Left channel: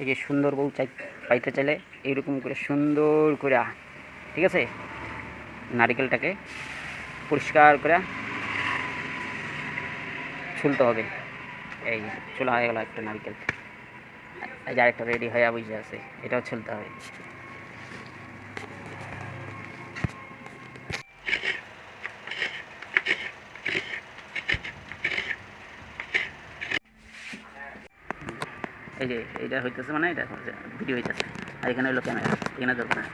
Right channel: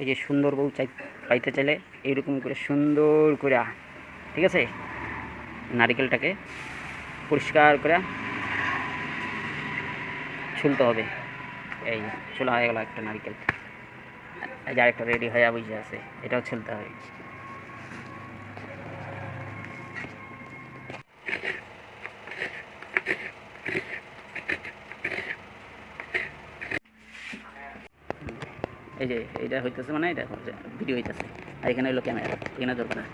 এই যে সুন্দর বউ চাই, পাইতে চাইলে এইরকম করে সুন্দর করে ঠিক আছে? নারিকেলটাকে পরিষ্কার করে ছুলতে হবে। এই চুলা হয়ে গেল একটা নারিকেল। এই যে আরেকটা রেডি হয়ে বুঝে আছে, এটাও ছুলতে হবে। এই যে এটা হইতেছে মানে এটা ভিডিও হইতেছে। আর এখানে হইল ক্যামেরা এখানে ধরবে না।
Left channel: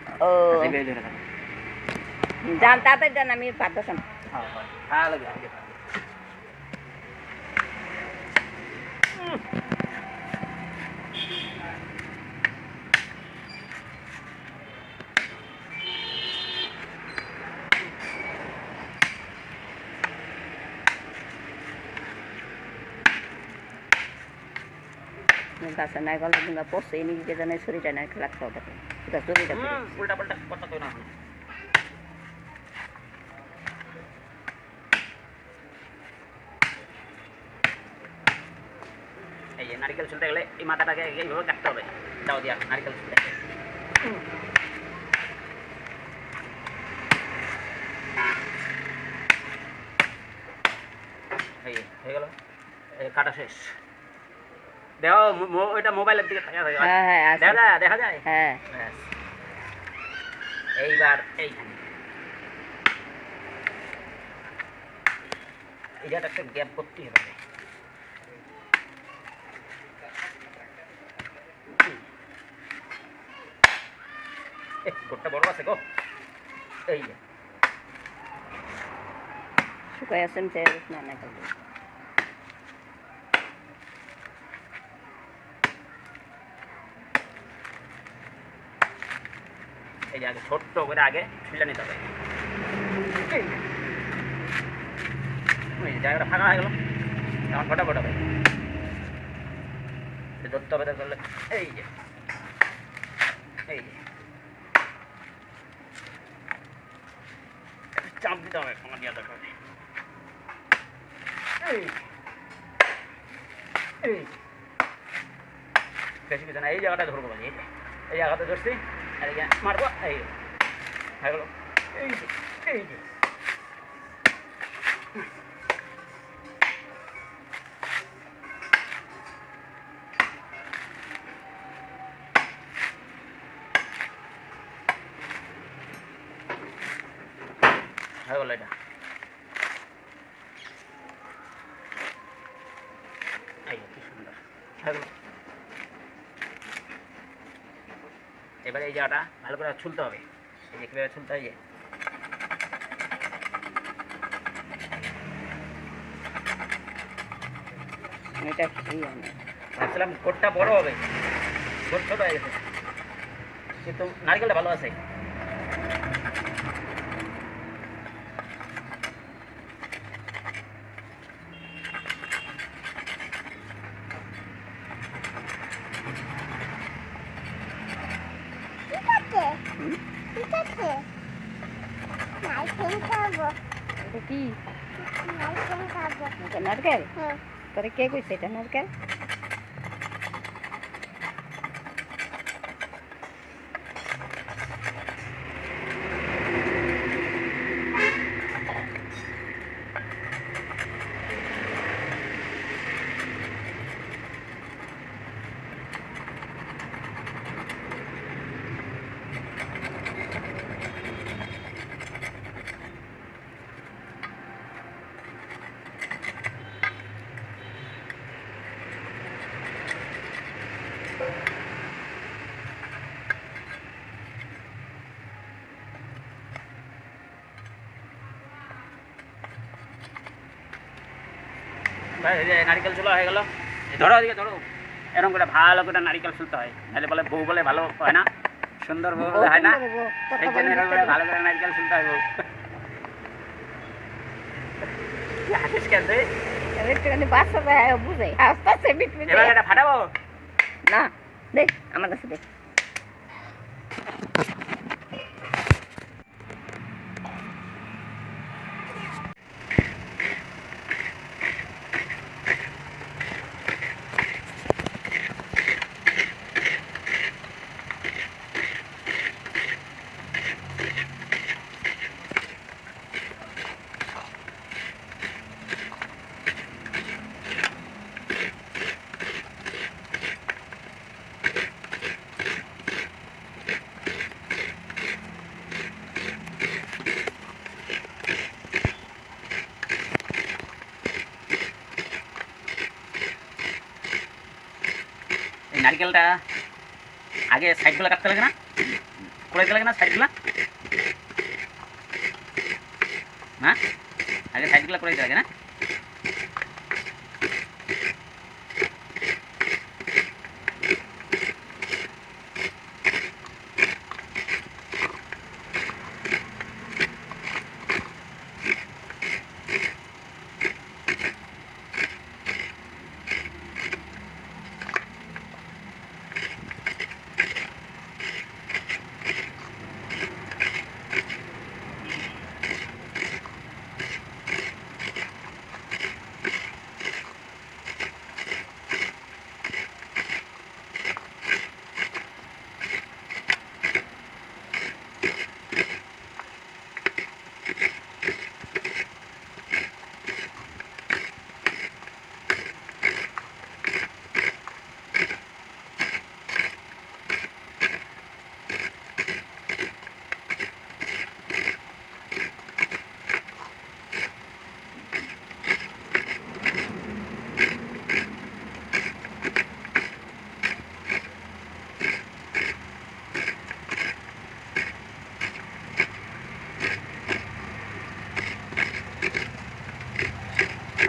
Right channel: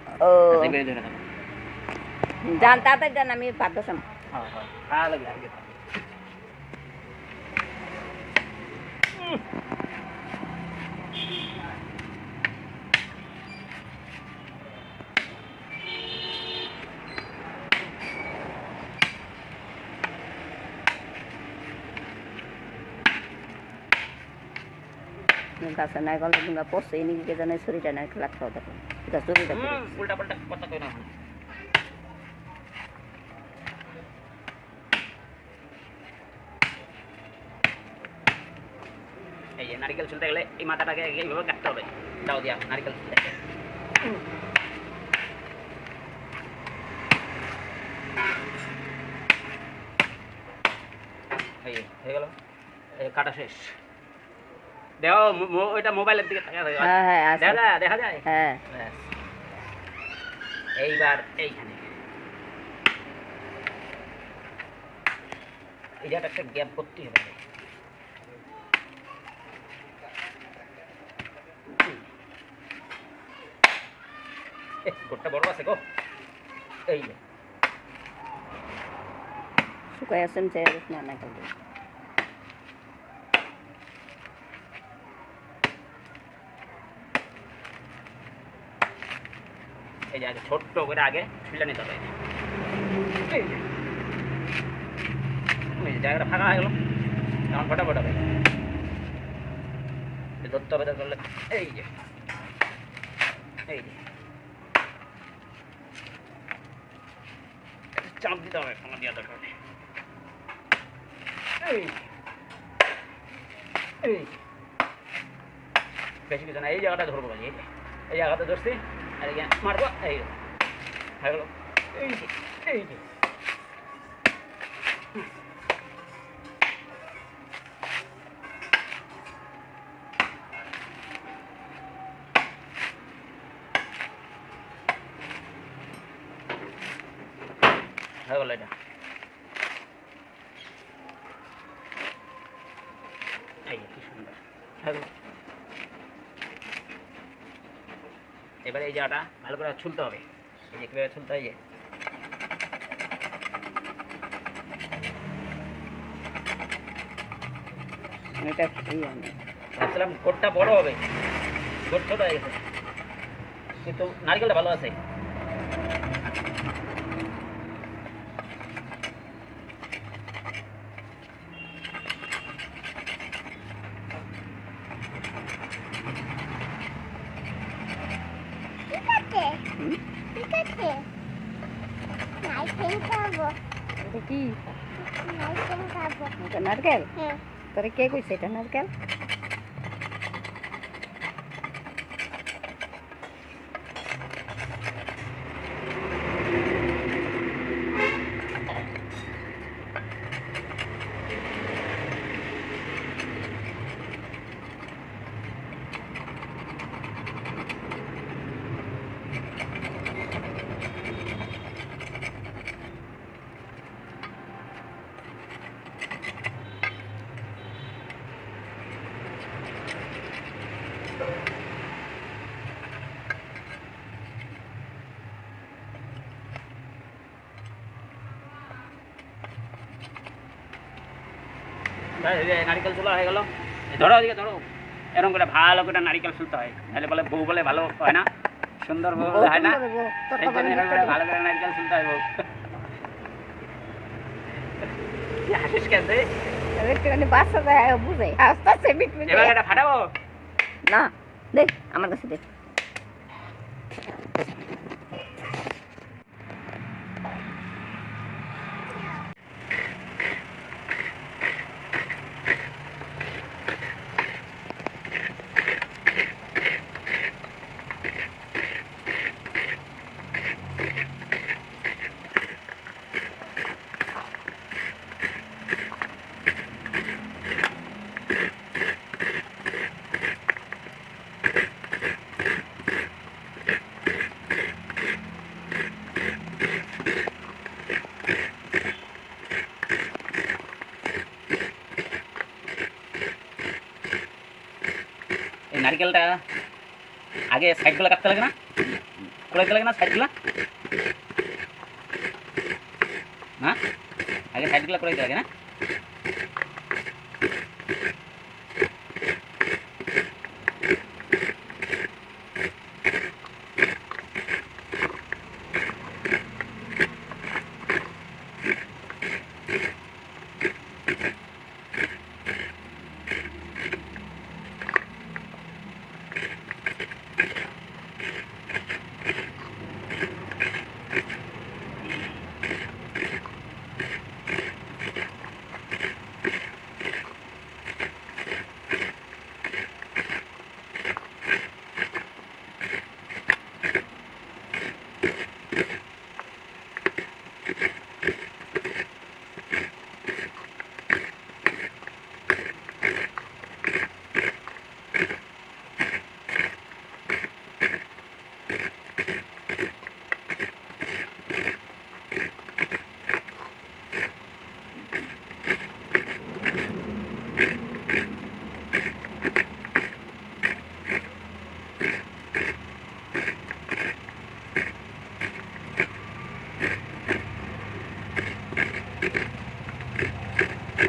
জান আচ্ছা, তাড়াতাড়ি যান আমি পারতেছাম হ্যাঁ হ্যাঁ। লাগে। গাছে নাই গেলে কিংবা পড়ছে নিজেকে জানে শরীরটা নাই লাগতে হবে এটা শরীরটা উল্টা পাল্টা কথা কই না। এই যে নারকেল ছুলতে গেলে এই মাথাটাকে এইভাবে কাটতে হবে। দাও দিয়া, নারকেল ছুলতে হয়ে গেল। কাটা শেষ। মো- ওইটা মোবাইলের দিকে তাকিয়ে থাকো। হ্যাঁ হ্যাঁ। দেখা যায় দেখা যায়? হ্যাঁ। এইবার এইখানে। এই একটা গ্যাপ করতে হবে। গোটটা বড় আছে গো। এই শুকাই আছেন না না এই যে আগে ছোট্ট করে আগে ছুলে নিতে হবে। জায়গাটা ফাঁকা হয়ে গেল। এখন হবে। এটা ধরতে হবে ধরলে এই যে। এই যে। চাপ দিতে হবে আমার দেওয়া দরকার নেই। বেশি কিছু না, এই জায়গাটা ধরবো এই জায়গাটা ধরছি। আর এই যে মারবো এই হয়ে গেল এই যে এই যে হয়ে গেল এটা এই যে কি সুন্দর হয়ে গেল এবারে এই জায়গাটা ভালো করে ছুলতে হবে। এই যে কীভাবে ছুলতে হয় এটা ভাবছিলাম গোটটা বড় হবে। গোট ছোট হয়ে গেছে। কিন্তু নারকেলটা ভালো আছে। এটা কি? নারকেল। তোরে কে কইছে এটা নারকেল? নারকেল চুলা হয়ে গেল। ধরো ওদিকে ধরো। এরকম করে ভালো করে নারকেল চুলতে হয়। নাহলে বলে বউ বলে ভালো হয় না। সুন্দর বউ বলে হয় না। এই জন্য এরকম করে ভালো করে নারকেল চুলতে হয় বউ। হাসিস কেন তুই? একটুখানি বাচ্চা যায় বুঝে। আস্তে আস্তে মিট মিট এবার এটা ফাটাবো? না দে আমার কাছে দে। নারকেলটা আগে সাইডগুলো কাটতে লাগে না? কুড়াইতে লাগে না সাইডগুলো? না? আগে সাইডগুলো কুড়াইতে লাগে না?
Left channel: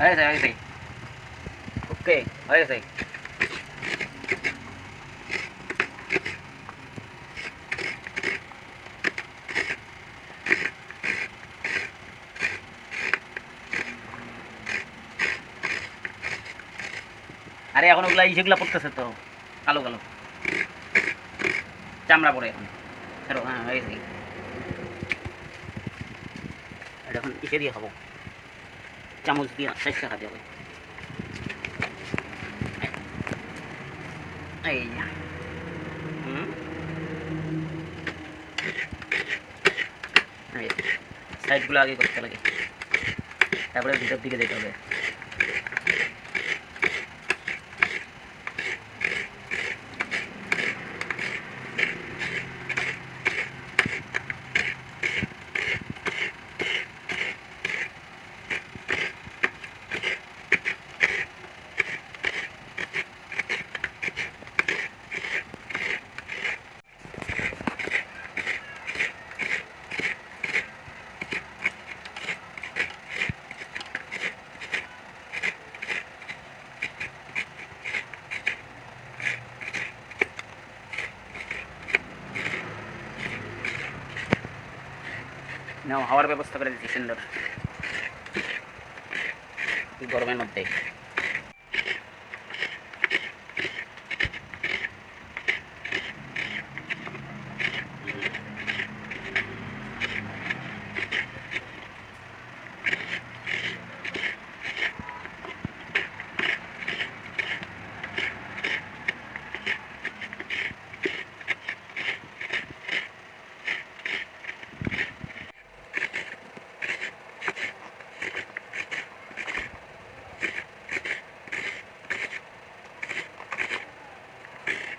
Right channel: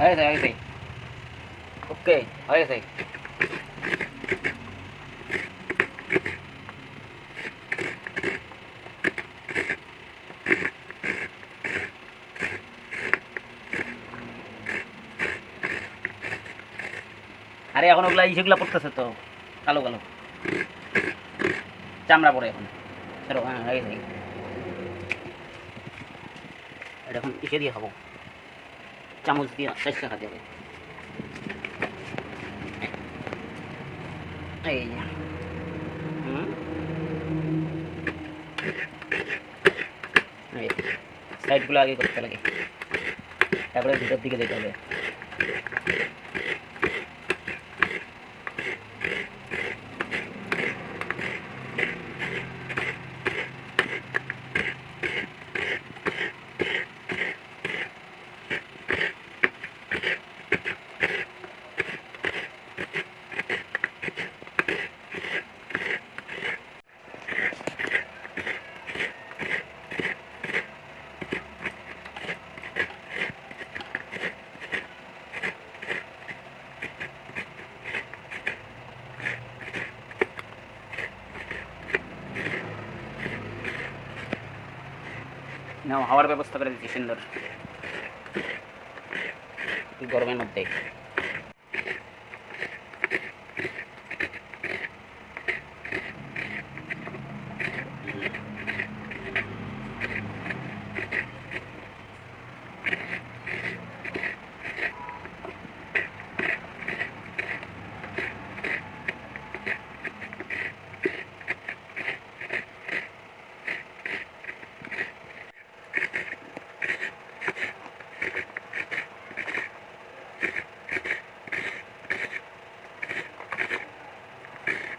হয়ে গেছে হয়ে গেছে ওকে হয়ে আরে, এখন ওগুলা ইসেগুলা পড়তেছে তো, কালো কালো। চামড়া পড়ে এখন। হ্যাঁ হয়ে গেছে। এখন ইসে দিয়ে খাব। চামচ দিয়ে শেষ খাতে যাবে এই, সাইডগুলো আগে করতে লাগে। তারপরে ভিতর দিকে যেতে হবে। নাও হাওয়ার ব্যবস্থা করে দিচ্ছি সুন্দর। গরমের মধ্যে?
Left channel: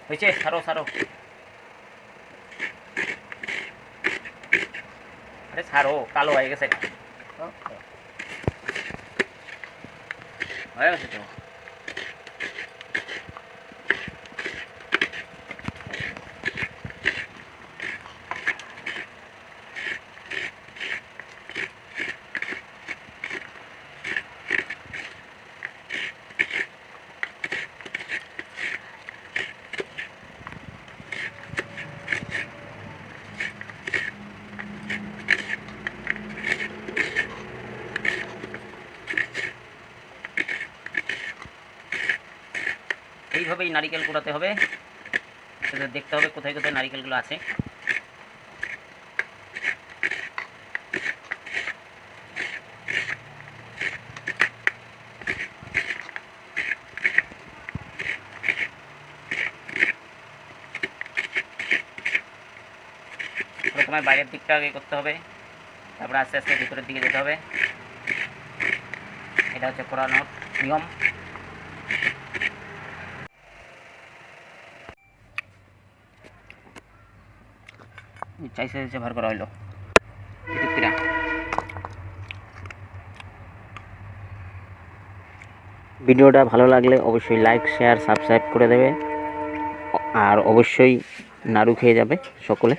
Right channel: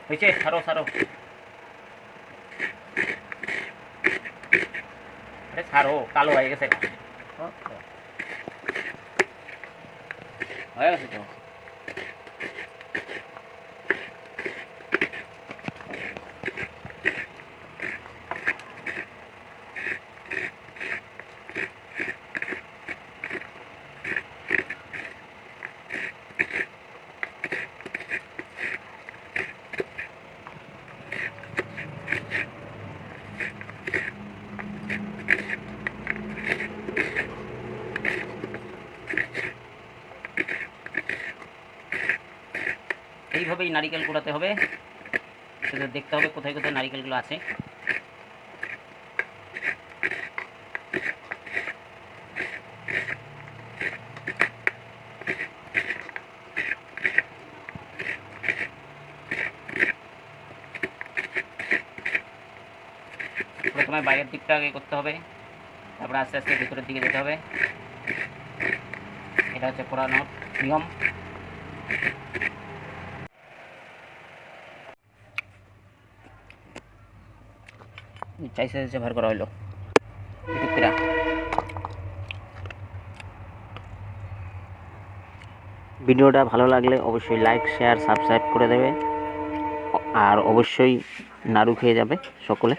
হয়েছে সারো সারো আরে সারো কালো হয়ে গেছে। হয়ে গেছে তো। এইভাবেই নারিকেল কুড়াতে হবে। সেটা দেখতে হবে কোথায় কোথায় নারিকেলগুলো আছে। প্রথমে বাইরের দিকটা আগে করতে হবে। তারপরে আস্তে আস্তে ভিতরের দিকে যেতে হবে। এটা হচ্ছে কোরানোর নিয়ম। চাইছে ভর করা হইল। টিকিটটা ভিডিওটা ভালো লাগলে অবশ্যই লাইক, শেয়ার, সাবস্ক্রাইব করে দেবে। আর অবশ্যই নাড়ু খেয়ে যাবে সকলে।